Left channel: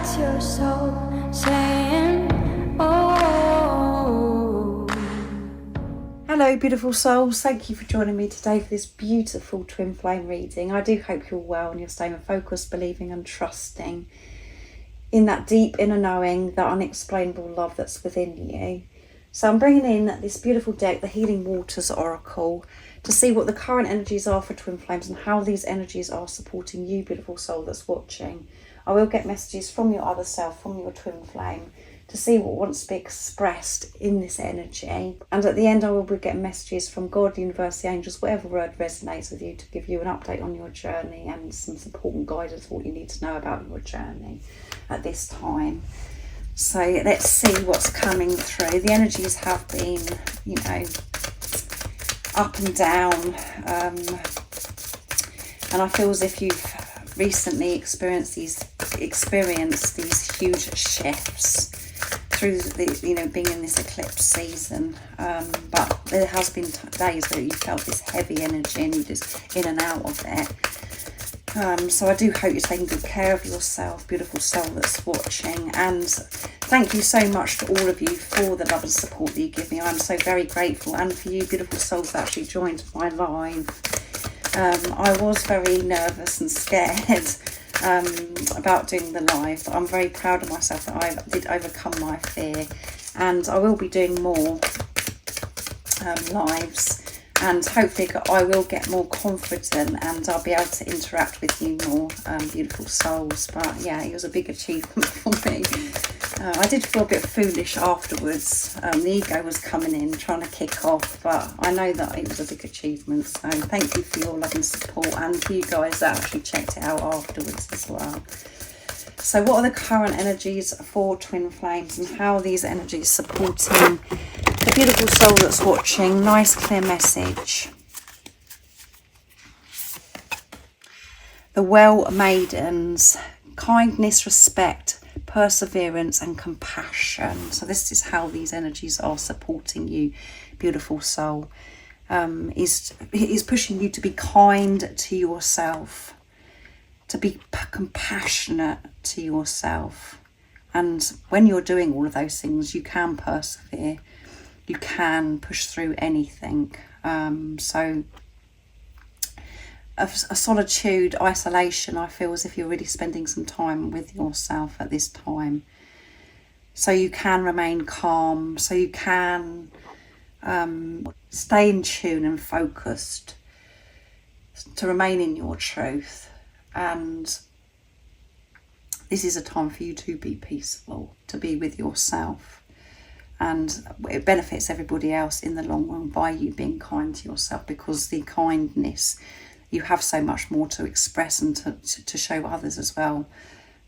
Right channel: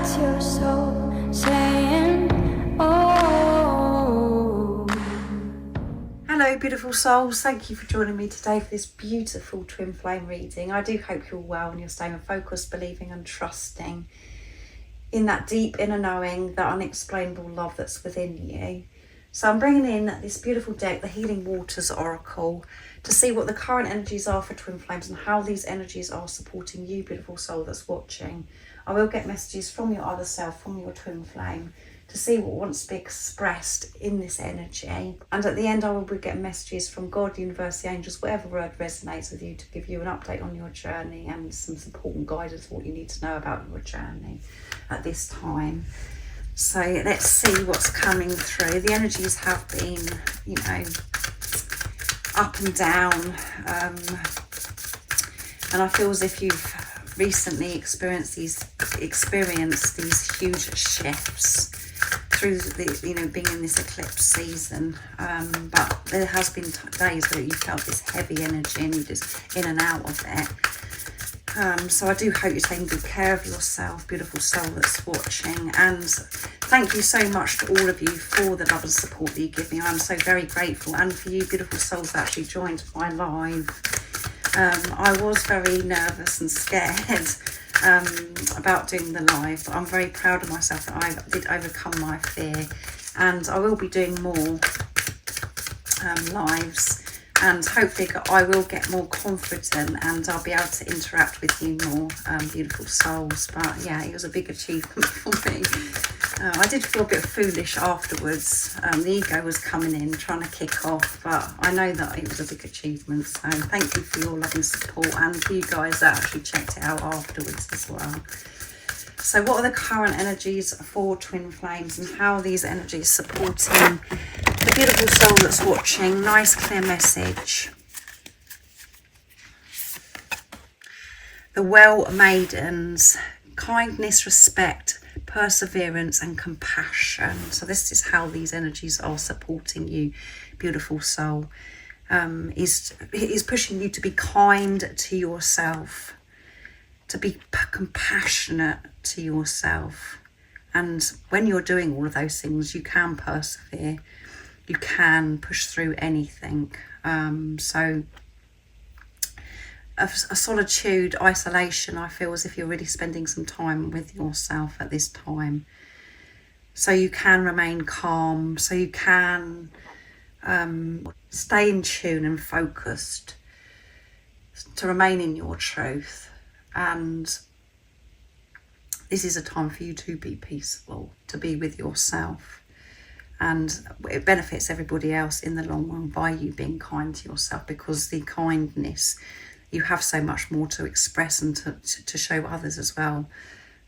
That's your soul saying, oh. Hello beautiful souls, thank you for joining me today for this beautiful twin flame reading. I do hope you're well and you're staying focused, believing and trusting in that deep inner knowing, that unexplainable love that's within you. So I'm bringing in this beautiful deck, the Healing Waters Oracle, to see what the current energies are for twin flames and how these energies are supporting you, beautiful soul that's watching. I will get messages from your other self, from your twin flame, to see what wants to be expressed in this energy. And at the end I will be getting messages from God, the universe, the angels, whatever word resonates with you, to give you an update on your journey and some support and guidance, what you need to know about your journey at this time. So let's see what's coming through. The energies have been, you know, up and down, and I feel as if you've recently experienced these huge shifts through the, you know, being in this eclipse season, but there has been days where you felt this heavy energy and you're just in and out of it. So I do hope you're taking good care of yourself, beautiful soul that's watching, and thank you so much to all of you for the love and support that you give me. I'm so very grateful, and for you beautiful souls that actually joined my live. I was very nervous and scared about doing the live, but I'm very proud of myself that I did overcome my fear, and I will be doing more lives. And hopefully I will get more confident and I'll be able to interact with you more, beautiful souls. But yeah, it was a big achievement for me. I did feel a bit foolish afterwards. The ego was coming in, trying to kick off, but I know that it was a big achievement. So thank you for your love and support, and for you guys that actually checked it out afterwards as well. So what are the current energies for twin flames and how are these energies supporting the beautiful soul that's watching? Nice clear message. The Well Maidens, kindness, respect, perseverance and compassion. So this is how these energies are supporting you, beautiful soul. Is pushing you to be kind to yourself, to be compassionate to yourself. And when you're doing all of those things, you can persevere, you can push through anything. So a solitude, isolation, I feel as if you're really spending some time with yourself at this time. So you can remain calm, so you can stay in tune and focused, to remain in your truth. And this is a time for you to be peaceful, to be with yourself, and it benefits everybody else in the long run by you being kind to yourself, because the kindness, you have so much more to express and to show others as well,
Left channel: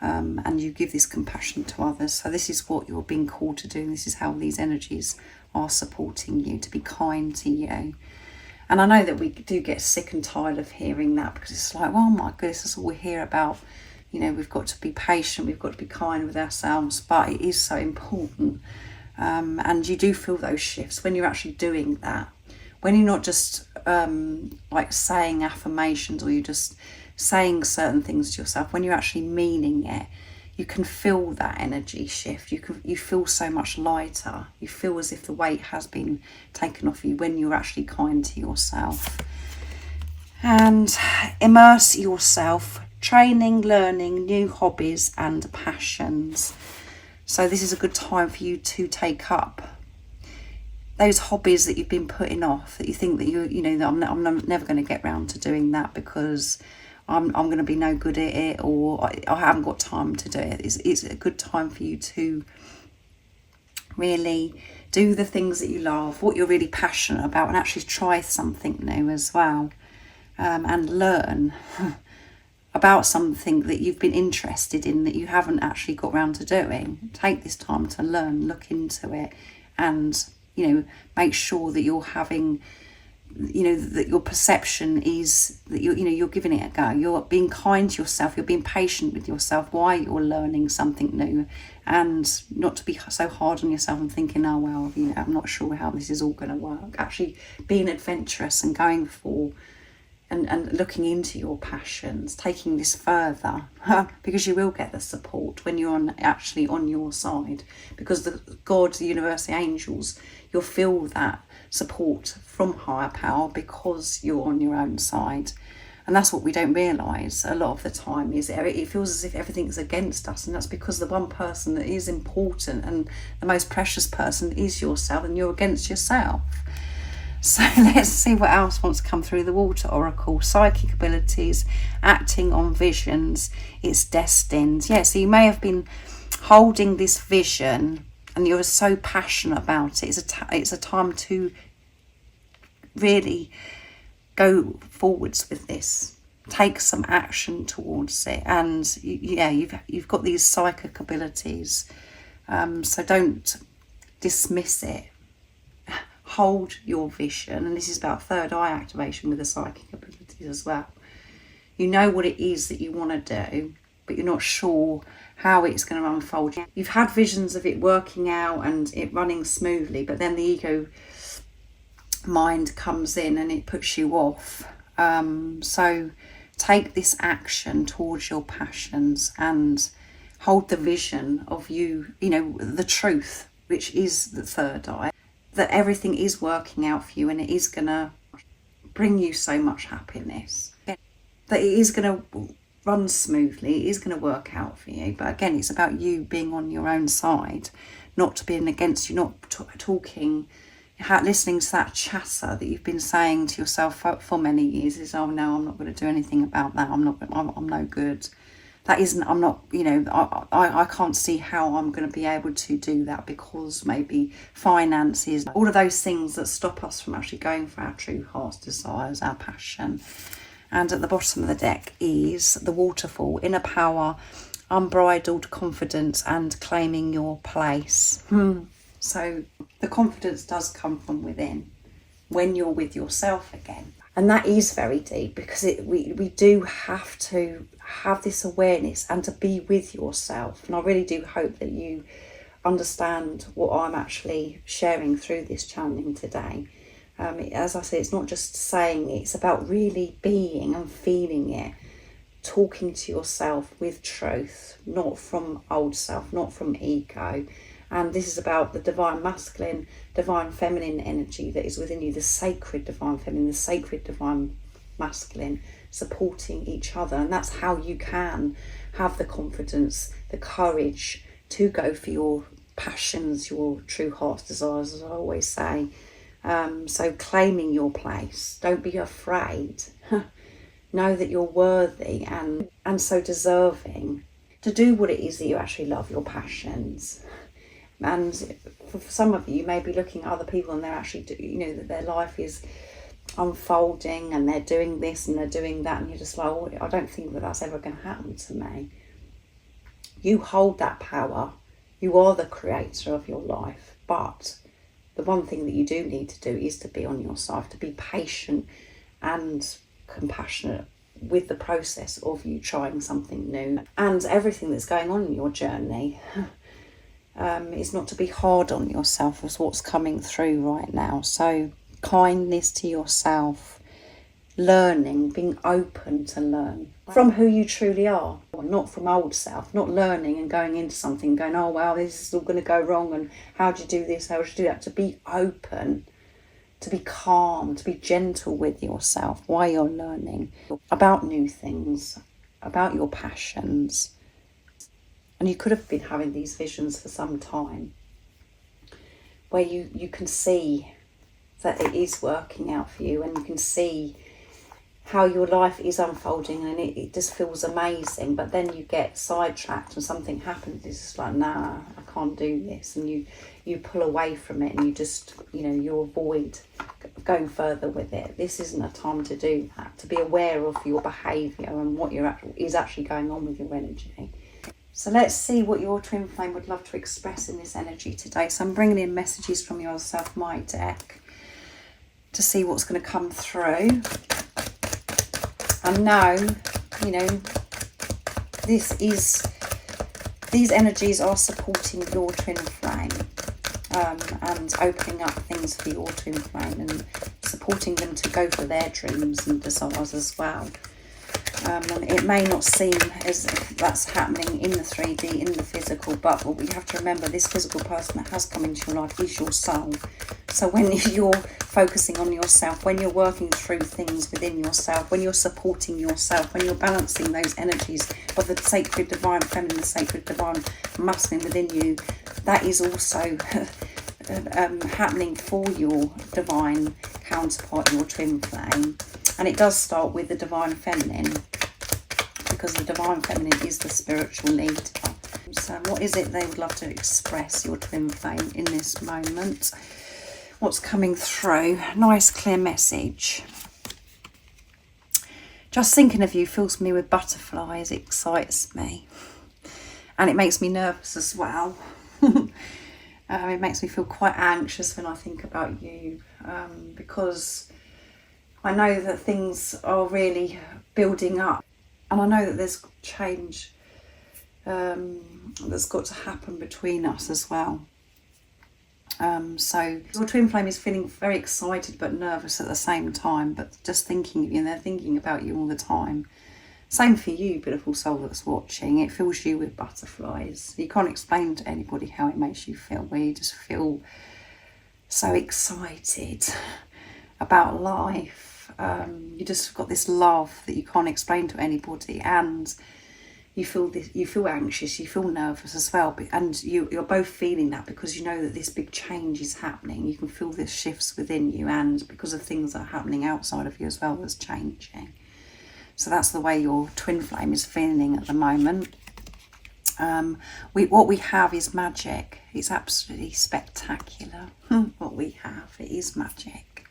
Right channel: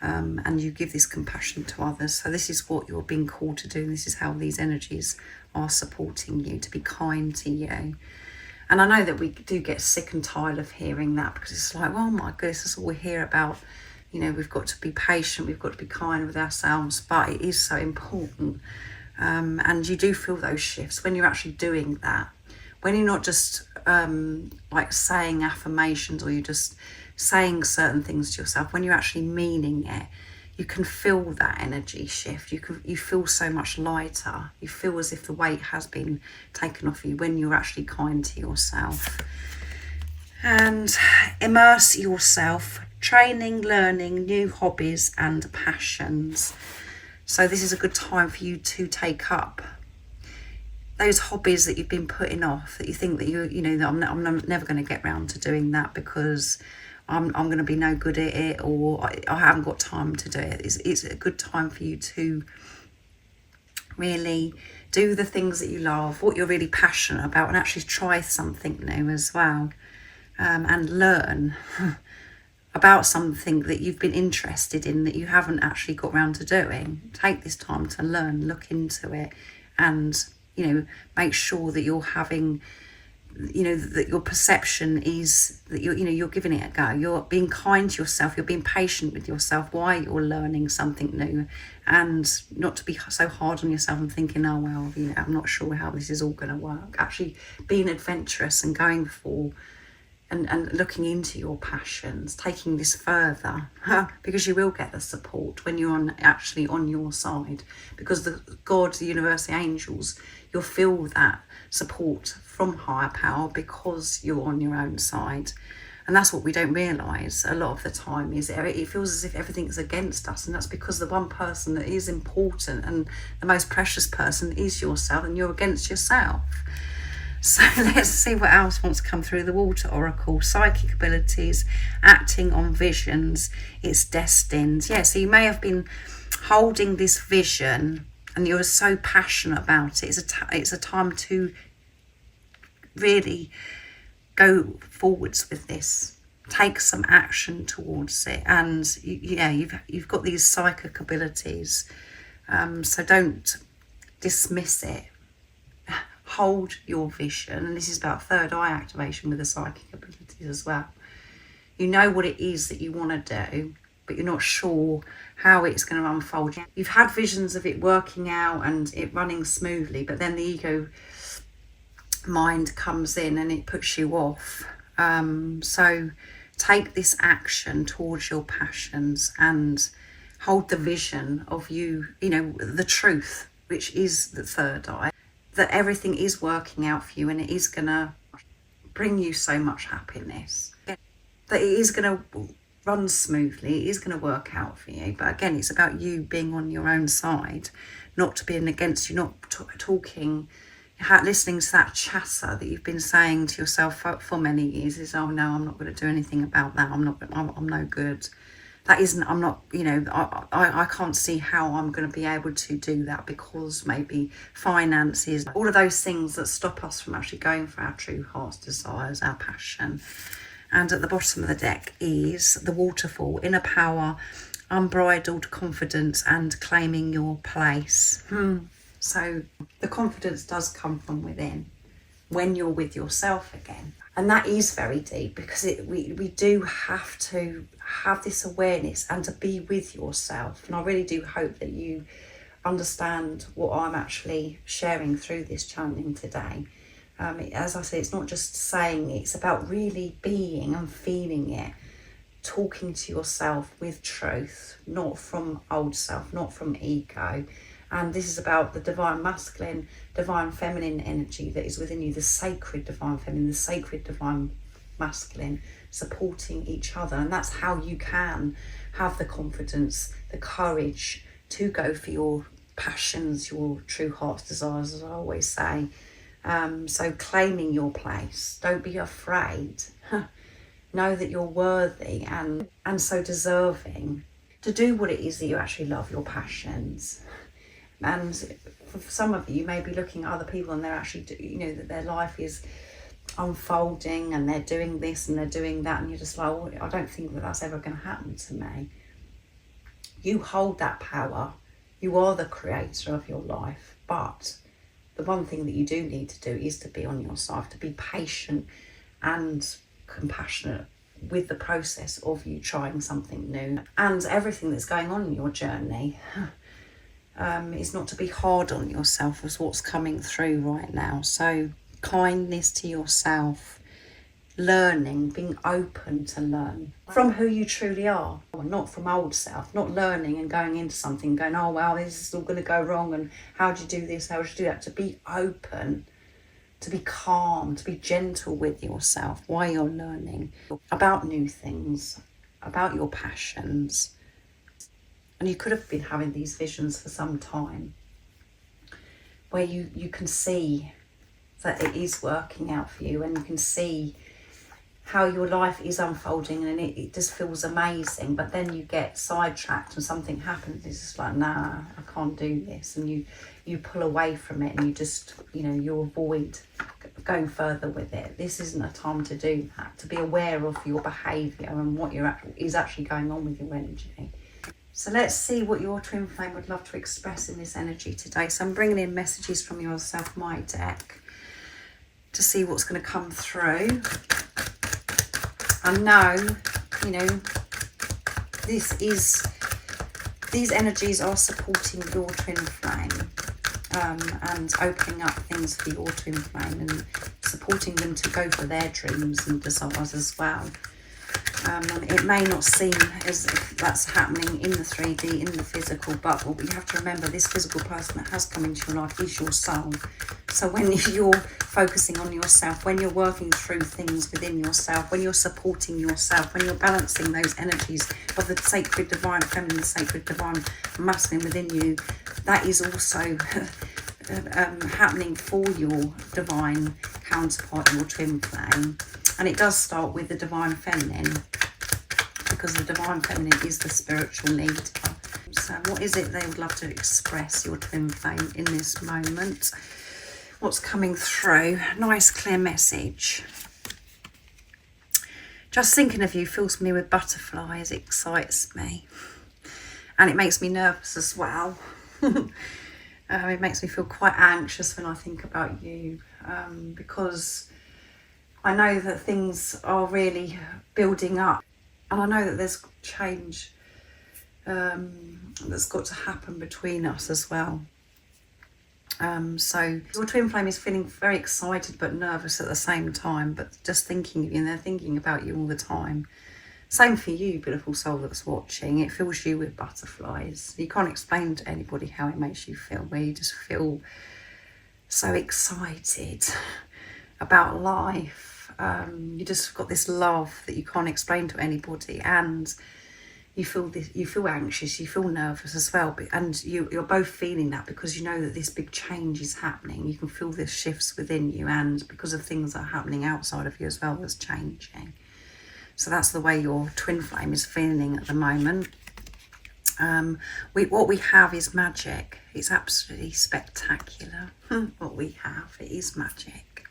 and you give this compassion to others. So this is what you're being called to do, and this is how these energies are supporting you, to be kind to you. And I know that we do get sick and tired of hearing that, because it's like, oh my goodness, that's all we hear about. You know, we've got to be patient, we've got to be kind with ourselves, but it is so important. And you do feel those shifts when you're actually doing that. When you're not just like saying affirmations, or you're just saying certain things to yourself, when you're actually meaning it, you can feel that energy shift. You feel so much lighter. You feel as if the weight has been taken off you when you're actually kind to yourself. And immerse yourself, training, learning, new hobbies and passions. So this is a good time for you to take up those hobbies that you've been putting off, that you think that you know that I'm never going to get round to doing that because I'm going to be no good at it, or I haven't got time to do it. It's a good time for you to really do the things that you love, what you're really passionate about, and actually try something new as well, and learn about something that you've been interested in that you haven't actually got round to doing. Take this time to learn, look into it, and, you know, make sure that you're having, you know, that your perception is that you're giving it a go. You're being kind to yourself. You're being patient with yourself while you're learning something new, and not to be so hard on yourself and thinking, oh well, you know, I'm not sure how this is all going to work. Actually being adventurous and going for and looking into your passions, taking this further, because you will get the support when you're actually on your side, because the God, the universe, the angels, you'll feel that support from higher power because you're on your own side. And that's what we don't realise a lot of the time, is it feels as if everything's against us, and that's because the one person that is important and the most precious person is yourself, and you're against yourself. So let's see what else wants to come through the Water Oracle. Psychic abilities, acting on visions, it's destined. Yeah, so you may have been holding this vision and you're so passionate about it. It's a time to really go forwards with this. Take some action towards it. And yeah, you've got these psychic abilities. So don't dismiss it. Hold your vision, and this is about third eye activation with the psychic abilities as well. You know what it is that you want to do, but you're not sure how it's going to unfold. You've had visions of it working out and it running smoothly, but then the ego mind comes in and it puts you off. So take this action towards your passions and hold the vision of you know, the truth, which is the third eye. That everything is working out for you and it is going to bring you so much happiness. That it is going to run smoothly, it is going to work out for you. But again, it's about you being on your own side, not being against you, not talking, listening to that chatter that you've been saying to yourself for many years is, oh no, I'm not going to do anything about that, I'm no good. That isn't, I'm not, you know, I can't see how I'm going to be able to do that because maybe finances, all of those things that stop us from actually going for our true heart's desires, our passion. And at the bottom of the deck is the Waterfall, inner power, unbridled confidence and claiming your place. So the confidence does come from within when you're with yourself again. And that is very deep, because we do have to have this awareness and to be with yourself. And I really do hope that you understand what I'm actually sharing through this channeling today. As I say, it's not just saying it, it's about really being and feeling it, talking to yourself with truth, not from old self, not from ego. And this is about the divine masculine, divine feminine energy that is within you, the sacred divine feminine, the sacred divine masculine, supporting each other. And that's how you can have the confidence, the courage to go for your passions, your true heart's desires, as I always say. So claiming your place, don't be afraid. Know that you're worthy and so deserving to do what it is that you actually love, your passions. And for some of you may be looking at other people and they're actually, you know, that their life is unfolding and they're doing this and they're doing that, and you're just like, oh, I don't think that that's ever going to happen to me. You hold that power. You are the creator of your life. But the one thing that you do need to do is to be on your side, to be patient and compassionate with the process of you trying something new and everything that's going on in your journey. Is not to be hard on yourself as what's coming through right now. So kindness to yourself, learning, being open to learn from who you truly are, not from old self, not learning and going into something going, oh wow, this is all going to go wrong and how do you do this, how do you do that. To be open, to be calm, to be gentle with yourself while you're learning about new things, about your passions. And you could have been having these visions for some time where you can see that it is working out for you, and you can see how your life is unfolding, and it just feels amazing. But then you get sidetracked and something happens. It's just like, nah, I can't do this. And you pull away from it and you just, you know, you avoid going further with it. This isn't a time to do that, to be aware of your behaviour and what is actually going on with your energy. So let's see what your twin flame would love to express in this energy today. So I'm bringing in messages from your self-mind deck to see what's going to come through. I know, you know, these energies are supporting your twin flame. and opening up things for your twin flame and supporting them to go for their dreams and desires as well. It may not seem as if that's happening in the 3D, in the physical, but what we have to remember, this physical person that has come into your life is your soul. So when you're focusing on yourself, when you're working through things within yourself, when you're supporting yourself, when you're balancing those energies of the sacred divine feminine, sacred divine masculine within you, that is also happening for your divine counterpart, your twin flame. And it does start with the divine feminine, because the divine feminine is the spiritual leader. So what is it they would love to express, your twin flame, in this moment? What's coming through? Nice clear message. Just thinking of you fills me with butterflies. It excites me. And it makes me nervous as well. It makes me feel quite anxious when I think about you, because I know that things are really building up, and I know that there's change that's got to happen between us as well. So your twin flame is feeling very excited but nervous at the same time, but just thinking of you, and they're thinking about you all the time. Same for you, beautiful soul that's watching. It fills you with butterflies. You can't explain to anybody how it makes you feel, where you just feel so excited about life. You just got this love that you can't explain to anybody, and you feel this, you feel anxious, you feel nervous as well, and you're both feeling that because you know that this big change is happening. You can feel the shifts within you, and because of things that are happening outside of you as well that's changing. So that's the way your twin flame is feeling at the moment. What we have is magic. It's absolutely spectacular. What we have, it is magic.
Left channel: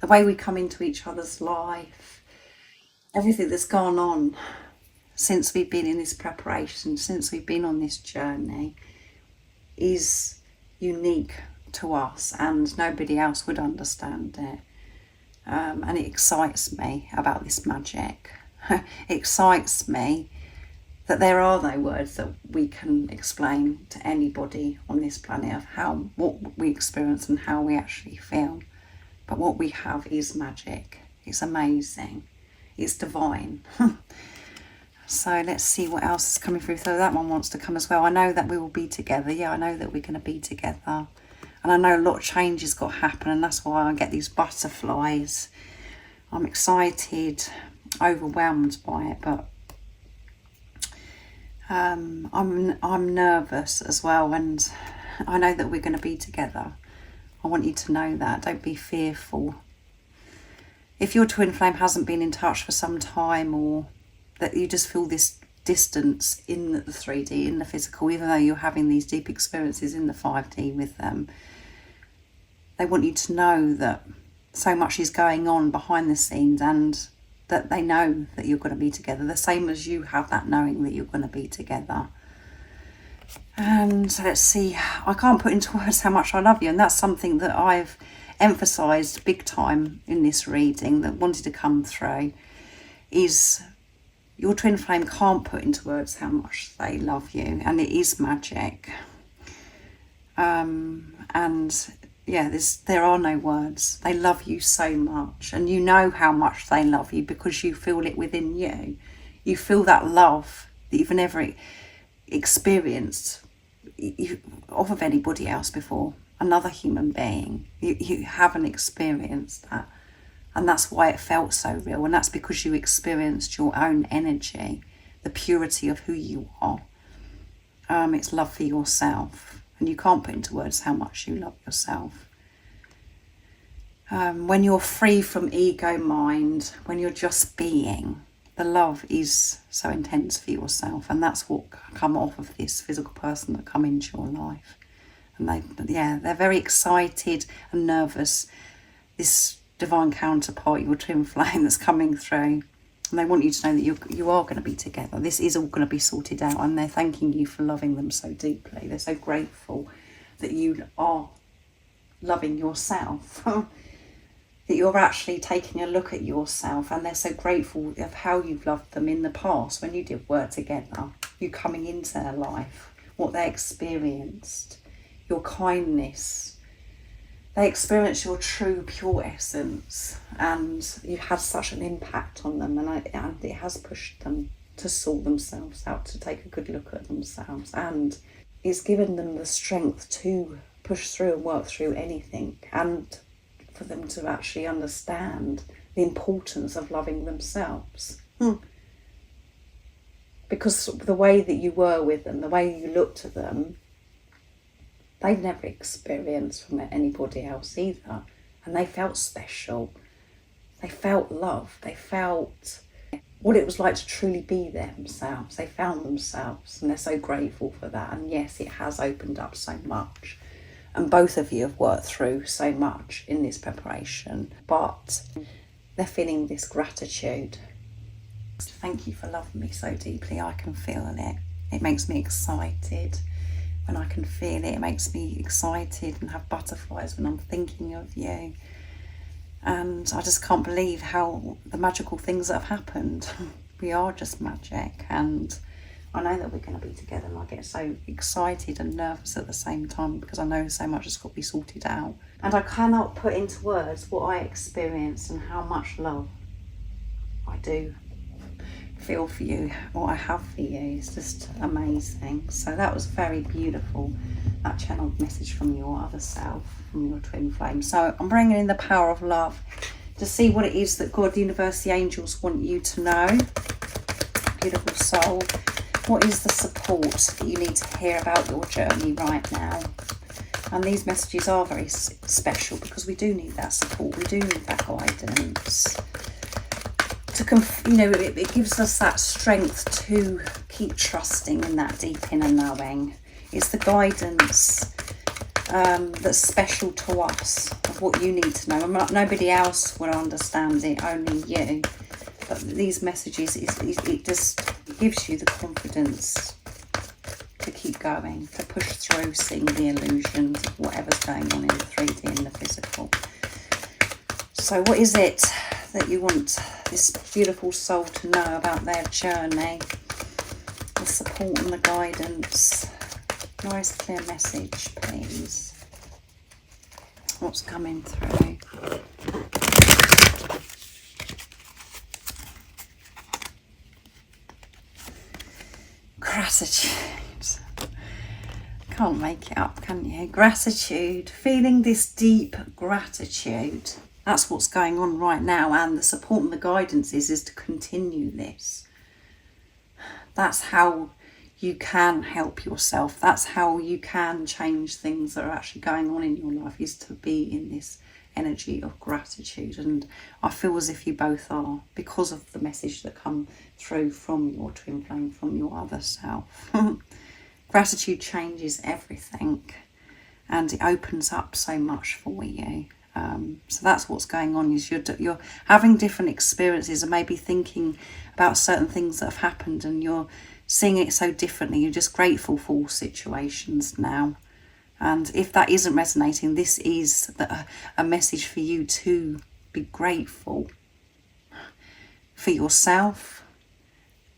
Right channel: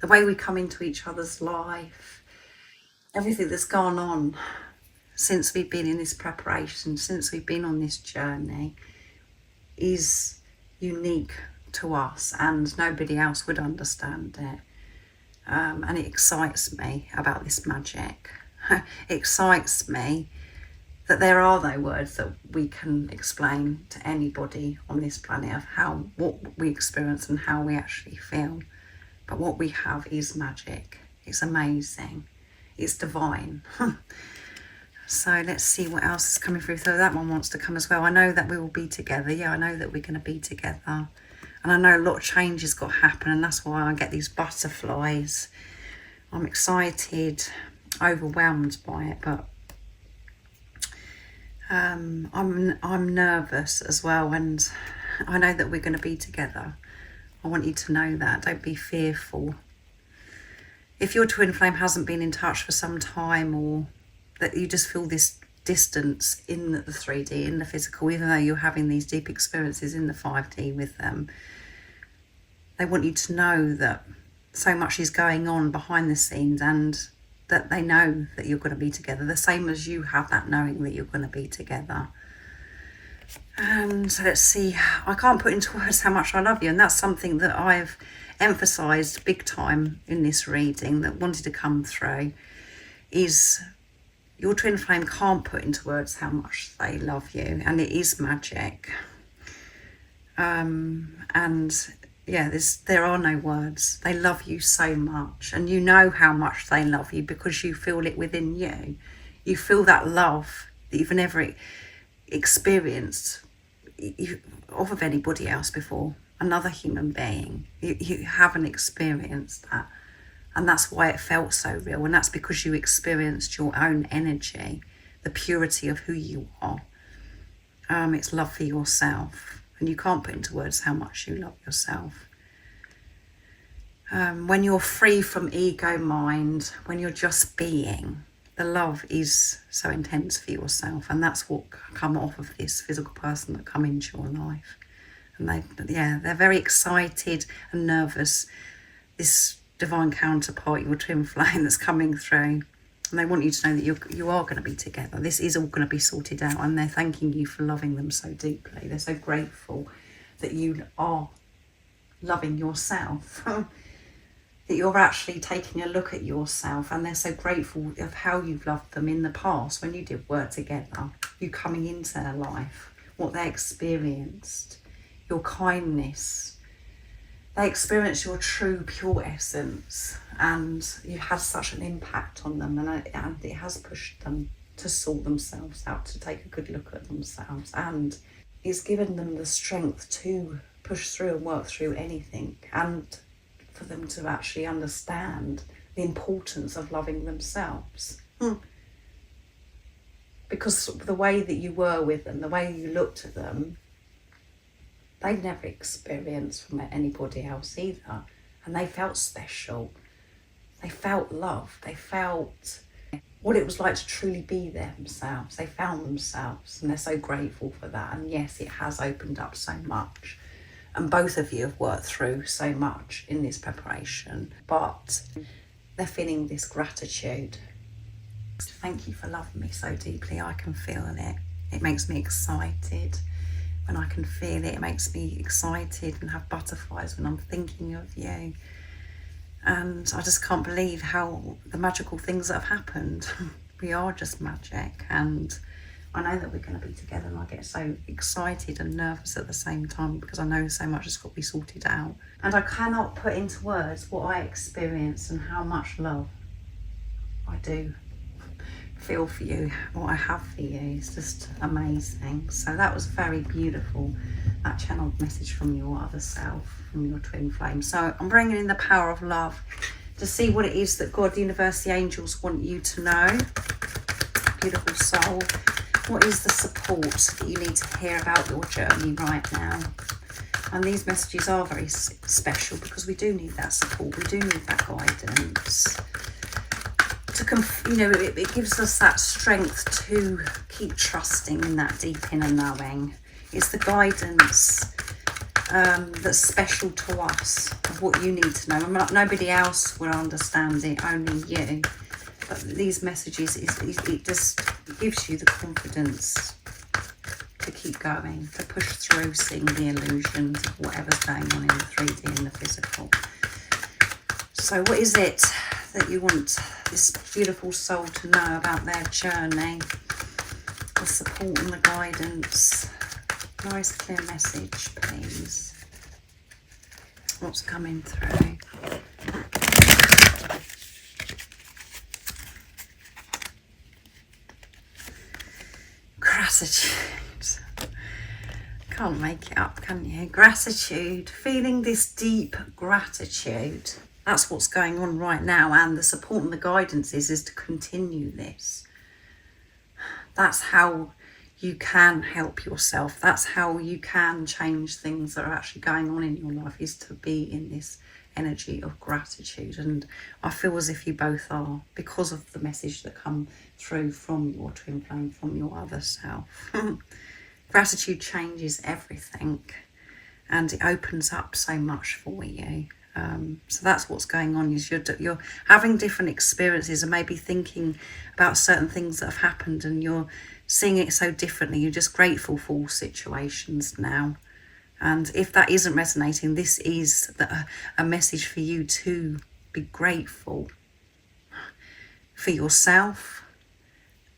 The way we come into each other's life, everything that's gone on since we've been in this preparation, since we've been on this journey, is unique to us, and nobody else would understand it. And it excites me about this magic. It excites me that there are no words that we can explain to anybody on this planet of what we experience and how we actually feel. But what we have is magic. It's amazing. It's divine. So let's see what else is coming through. So that one wants to come as well. I know that we will be together. Yeah, I know that we're going to be together. And I know a lot of change has got to happen, and that's why I get these butterflies. I'm excited, overwhelmed by it, but I'm nervous as well, and I know that we're going to be together. I want you to know that. Don't be fearful. If your twin flame hasn't been in touch for some time, or that you just feel this distance in the 3D, in the physical, even though you're having these deep experiences in the 5D with them, they want you to know that so much is going on behind the scenes, and that they know that you're going to be together, the same as you have that knowing that you're going to be together. And let's see, I can't put into words how much I love you, and that's something that I've emphasised big time in this reading that wanted to come through, is your twin flame can't put into words how much they love you, and it is magic. And yeah, there are no words. They love you so much, and you know how much they love you because you feel it within you. You feel that love that you've never experienced of anybody else before, another human being. You haven't experienced that, and that's why it felt so real, and that's because you experienced your own energy, the purity of who you are. It's love for yourself, and you can't put into words how much you love yourself. When you're free from ego mind, when you're just being, the love is so intense for yourself, and that's what come off of this physical person that come into your life. And they're very excited and nervous, this divine counterpart, your twin flame that's coming through, and they want you to know that you are going to be together. This is all going to be sorted out, and they're thanking you for loving them so deeply. They're so grateful that you are loving yourself, that you're actually taking a look at yourself, and they're so grateful of how you've loved them in the past when you did work together, you coming into their life, what they experienced. your kindness. They experience your true, pure essence, and you've had such an impact on them, and it has pushed them to sort themselves out, to take a good look at themselves, and it's given them the strength to push through and work through anything, and for them to actually understand the importance of loving themselves. Because the way that you were with them, the way you looked at them, they'd never experienced from anybody else either. And they felt special. They felt love. They felt what it was like to truly be themselves. They found themselves, and they're so grateful for that. And yes, it has opened up so much. And both of you have worked through so much in this preparation. But they're feeling this gratitude. Thank you for loving me so deeply. I can feel it. It makes me excited. When I can feel it, it makes me excited and have butterflies when I'm thinking of you. And I just can't believe how the magical things that have happened. We are just magic, and I know that we're going to be together, and I get so excited and nervous at the same time because I know so much has got to be sorted out. And I cannot put into words what I experience and how much love I do feel for you, what I have for you. It's just amazing. So that was very beautiful, that channeled message from your other self, from your twin flame. So I'm bringing in the power of love to see what it is that God, the universe, the angels want you to know. Beautiful soul, what is the support that you need to hear about your journey right now? And these messages are very special because we do need that support, we do need that guidance. It gives us that strength to keep trusting in that deep inner knowing. It's the guidance that's special to us, of what you need to know. Nobody else will understand it, only you. But these messages, it just gives you the confidence to keep going, to push through, seeing the illusions of whatever's going on in the 3D and the physical. So what is it that you want this beautiful soul to know about their journey? The support and the guidance. Nice clear message, please. What's coming through? Gratitude. Can't make it up, can you? Gratitude. Feeling this deep gratitude. That's what's going on right now, and the support and the guidance is to continue this. That's how you can help yourself. That's how you can change things that are actually going on in your life, is to be in this energy of gratitude. And I feel as if you both are, because of the message that come through from your twin flame, from your other self. Gratitude changes everything, and it opens up so much for you. So that's what's going on, is you're having different experiences and maybe thinking about certain things that have happened, and you're seeing it so differently. You're just grateful for all situations now. And if that isn't resonating, this is a message for you to be grateful for yourself,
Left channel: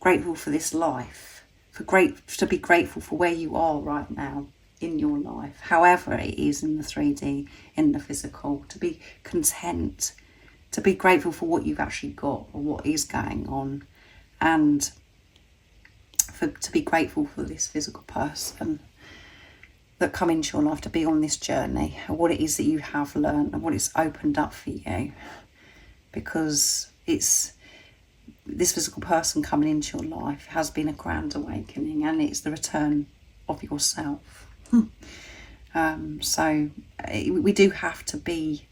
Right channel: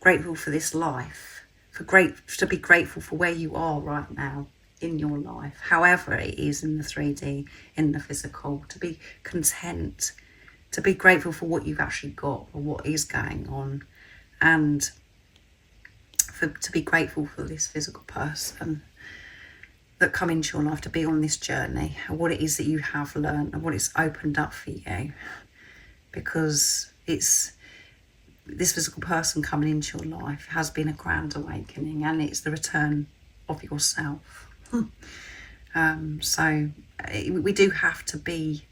grateful for this life, to be grateful for where you are right now in your life, however it is in the 3D, in the physical, to be content, to be grateful for what you've actually got or what is going on, and to be grateful for this physical person that come into your life, to be on this journey, and what it is that you have learned and what it's opened up for you, because it's this physical person coming into your life has been a grand awakening, and it's the return of yourself. So we do have to be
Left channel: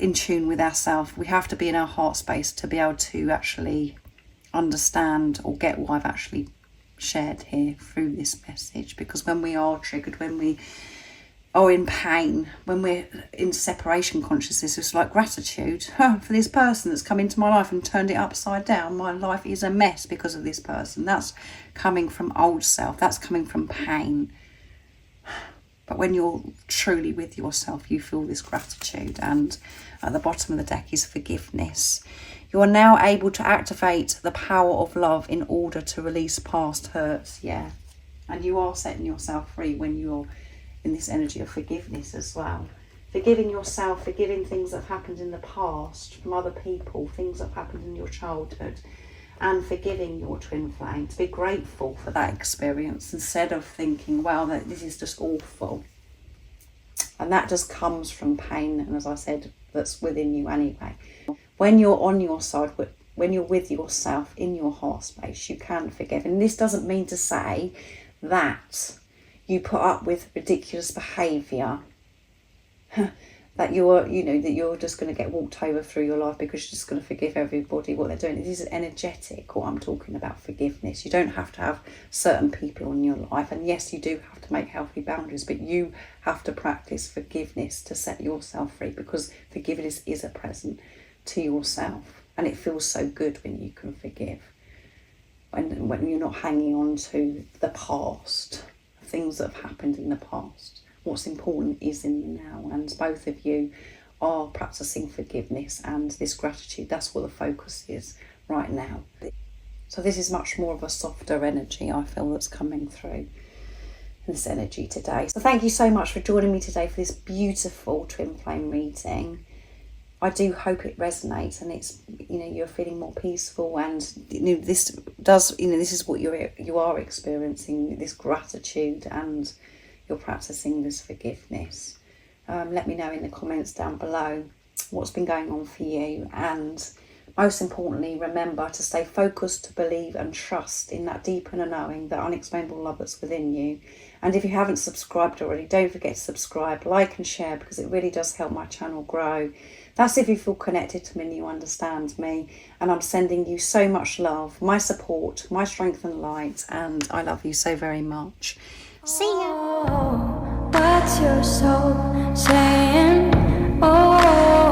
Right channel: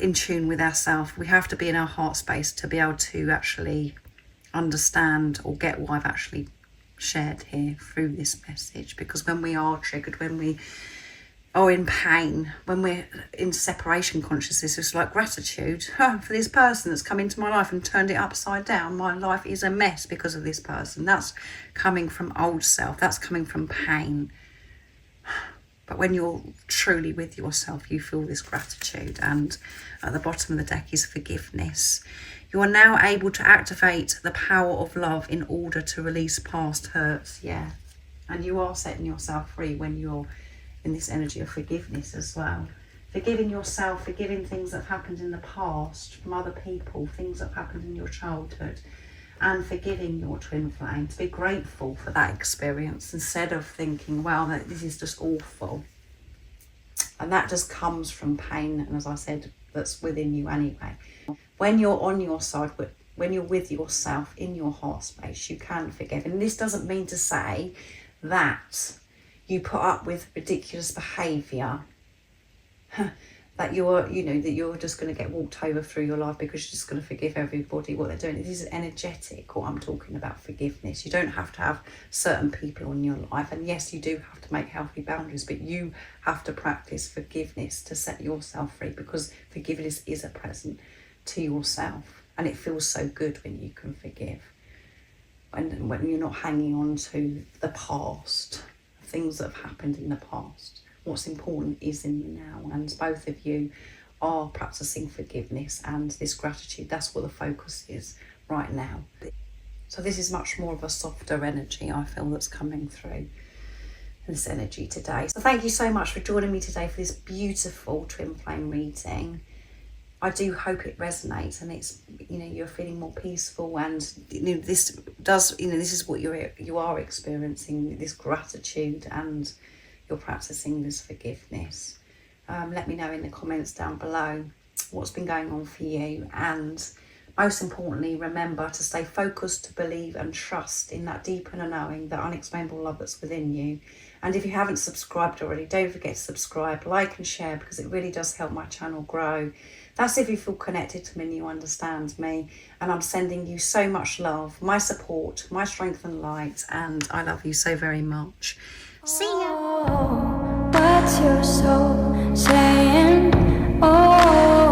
in tune with ourselves. We have to be in our heart space to be able to actually understand or get what I've actually shared here through this message. Because when we are triggered, when we are in pain, when we're in separation consciousness, it's like gratitude for this person that's come into my life and turned it upside down. My life is a mess because of this person. That's coming from old self. That's coming from pain. But when you're truly with yourself, you feel this gratitude. And at the bottom of the deck is forgiveness. You are now able to activate the power of love in order to release past hurts. Yeah, And you are setting yourself free when you're in this energy of forgiveness as well. Forgiving yourself, forgiving things that have happened in the past from other people, things that have happened in your childhood, and forgiving your twin flame. To be grateful for that experience instead of thinking, well, this is just awful. And that just comes from pain, and as I said, that's within you anyway. When you're on your side, when you're with yourself in your heart space, you can forgive. And this doesn't mean to say that you put up with ridiculous behaviour, that you're just going to get walked over through your life because you're just going to forgive everybody what they're doing. This is energetic, what I'm talking about, forgiveness. You don't have to have certain people in your life, and yes, you do have to make healthy boundaries, but you have to practice forgiveness to set yourself free, because forgiveness is a present to yourself, and it feels so good when you can forgive, and when you're not hanging on to the past, things that have happened in the past. What's important is in the now, and both of you are practicing forgiveness and this gratitude. That's what the focus is right now. So this is much more of a softer energy, I feel, that's coming through this energy today. So thank you so much for joining me today for this beautiful twin flame reading. I do hope it resonates, and it's, you're feeling more peaceful, and this is what you are experiencing, this gratitude, and you're practicing this forgiveness. Let me know in the comments down below what's been going on for you, and most importantly, remember to stay focused, to believe and trust in that deep inner knowing, that unexplainable love that's within you. And if you haven't subscribed already, don't forget to subscribe, like and share, because it really does help my channel grow. That's if you feel connected to me and you understand me. And I'm sending you so much love, my support, my strength and light, and I love you so very much. See ya. Oh, what's your soul saying? Oh.